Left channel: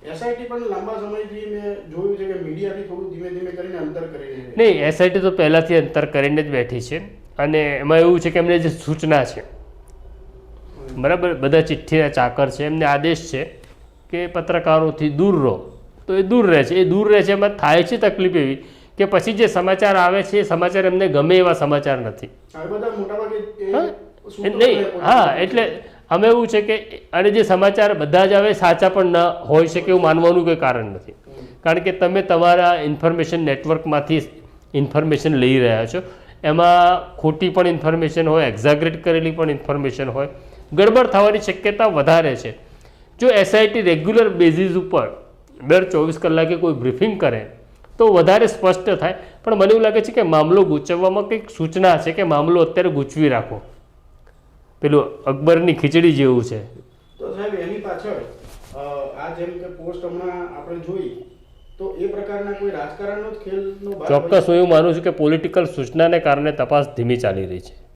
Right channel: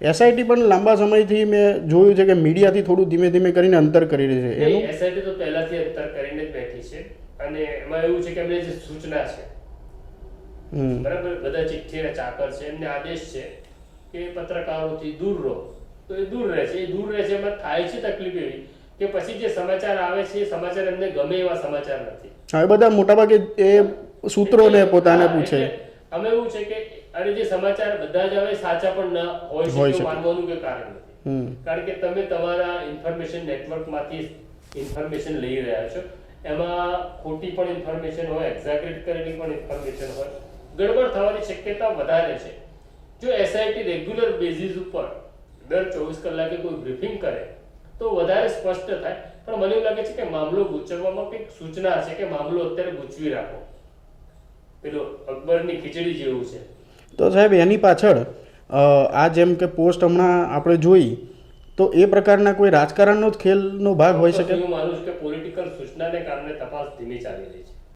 SIT પણ લાંબા સમયથી મેં જોયું છે કે મીડિયાથી થોડું ધીમે ધીમે કરીને અંતર કરી રહી છે. નહીં, એસઆઈટી તો પહેલાથી અંતર કરીને જ બેઠી છે અને એમાં એવું છે કે એમને જે સૂચના છે બરાબર, બધા ચિઠ્ઠીના ચાકર છે, એમને આદેશ છે કે પત્રકારોથી દૂર રહો, તો એ દૂર રહે છે. એ દૂર રહે છે, એમાં થાય છે તકલીફ એવી કે પછી જે સમાચાર આવે છે એ સમાચાર એમને ગમે એવા સમાચાર નથી. હવે બધા મોટાભાગે એ સૂત્રો એટલે અમે એવું છે કે અને જે સમાચાર બધા જ આવે સાચા પણ ન હોઈ શકે એવું માનવાનું કોઈ કારણ નથી. કારણ કે તમે તમારા ઇન્ફોર્મેશન નેટવર્કમાંથી ઇન્ફોર્મેશન લઈ રહ્યા છો, એમાં ખોટી પણ ઇન્ફોર્મેશન હોય, એક્ઝાગરેટ કરેલી પણ ઇન્ફોર્મેશન હોય, ગડબડ થવાની શક્યતા વધારે છે. જો એસઆઈટી રેગ્યુલર બેઝિસ ઉપર દર 24 કલાકે કોઈ બ્રીફિંગ કરે તો વધારે સ્પષ્ટ થાય. પણ મને એવું લાગે છે કે મામલો ગૂંચવવામાં કંઈક સૂચના છે કે મામલો અત્યારે ગૂંચવી રાખો, પેલું અકબરની ખીચડી જેવું છે. તો સાહેબ એની પાછળ આ જેમ કે પોસ્ટ હમણાં આપણે જોઈ તો એ પ્રકારના કોઈ રાજકારણનો જ ખેલનો ભાગ હોય છે. ચોક્કસ હું એવું માનું છું કે પોલિટિકલ સૂચનાને કારણે તપાસ ધીમી ચાલી રહી છે.